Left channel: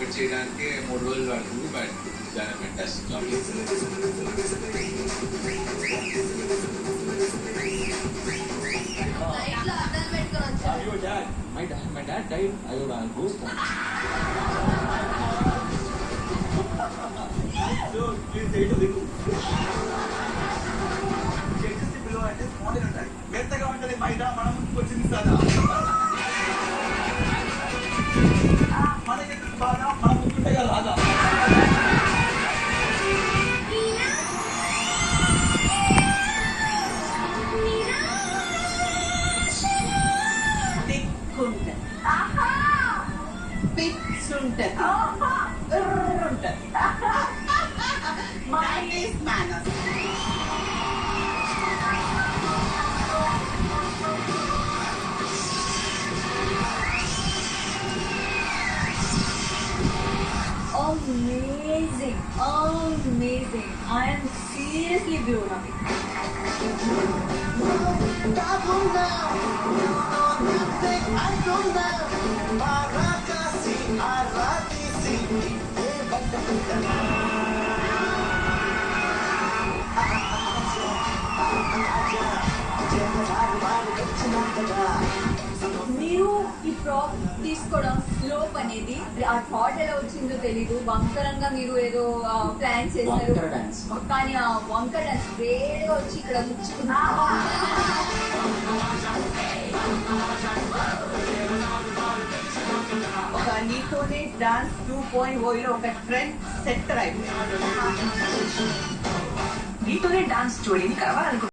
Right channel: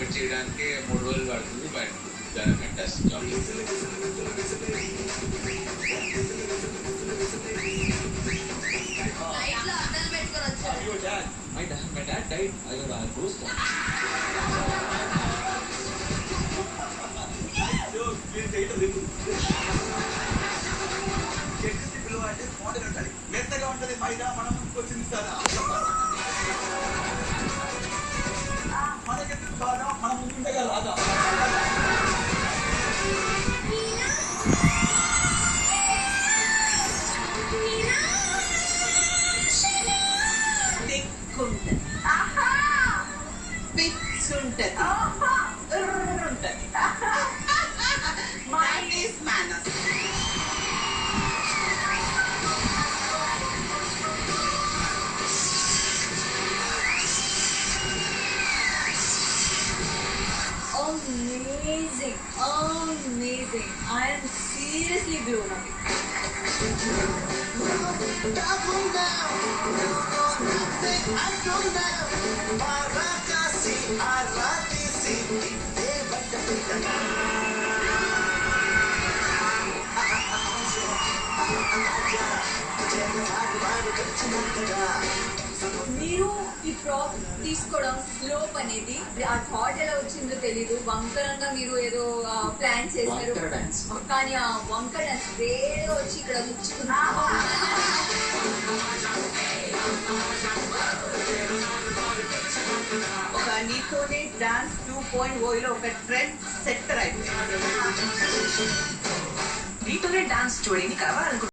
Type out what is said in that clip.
ఒకటి చేయడానికి 3 రోజులు పడుతుంది. బట్ చాలా fantastic job. My dad died. I would ghost one. Please say to remove. Electricity bill అంటే మోడల్ ఉండాలి. మెత్తగా ఉంటది మైదా, మనం వచ్చింది సాదా. మనకెందుకు బాగా, మనం ముందుంటగా రాదా. పిచ్చుంటది, ఉంటది. Mine is manners. Amazing, amazing. I am seriously blown away. మీరు ఈ ప్రాప్ తీసుకోవడం స్లోప్ అనేది ఆ థాట్ ఎలా వచ్చిందో తెలీదు. వంకరంగా మీరు ఏదో ప్లాన్ చేశారు, కానీ ఆ వంకర డాన్స్ వేరేగా వచ్చి ఇక్కడ ముచ్చుకున్నా. ఒక నీతోనే డాన్స్ 2.0 ఒక ట్రెండ్ సెట్టర్ అయిపోయింది. నీతోనే డాన్స్ జోడీని కావాలనుకుంటున్నాను.